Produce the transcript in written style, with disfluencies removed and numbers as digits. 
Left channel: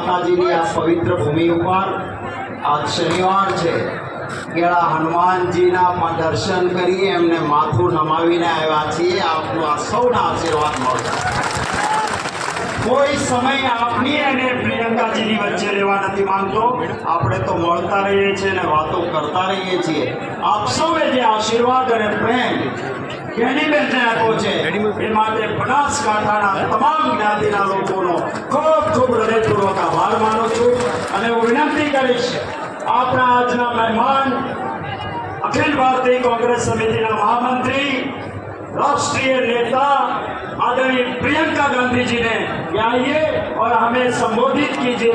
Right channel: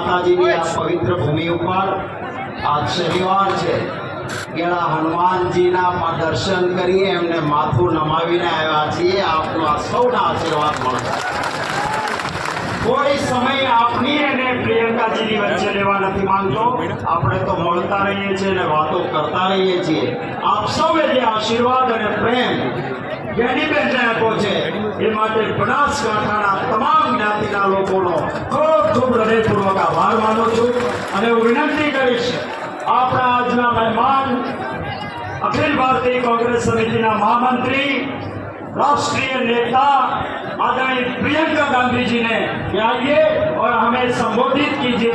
માતાજીની આ પવિત્ર ભૂમિ ઉપર આજ શનિવાર છે કેળા હનુમાનજીના દર્શન કરી એમને માથું નમાવીને આવ્યા છીએ. આપનો સૌના આશીર્વાદ મળશે. કોઈ સમય આપની અને પ્રિયંકાજીની વચ્ચે લેવા નથી માંગતો. આપણે તો મળતા રહીએ છીએ અને વાતો કરતા રહીએ છીએ. આપ સૌએ જે આશીર્વાદ અને પ્રેમ ગેનીબેનને આપ્યો છે એ માટે બનાસકાંઠાના તમામ જ્ઞાતિના લોકોનો ખૂબ ખૂબ હૃદયપૂર્વક આભાર માનું છું અને હું વિનંતી કરીશ આપણા આજના મહેમાન अखिल भारतीय कांग्रेस समिति ना महामंत्री राष्ट्रीय नेता आदरणीय प्रियंका गांधी जी ने आइए और हमें संबोधित कीजिए.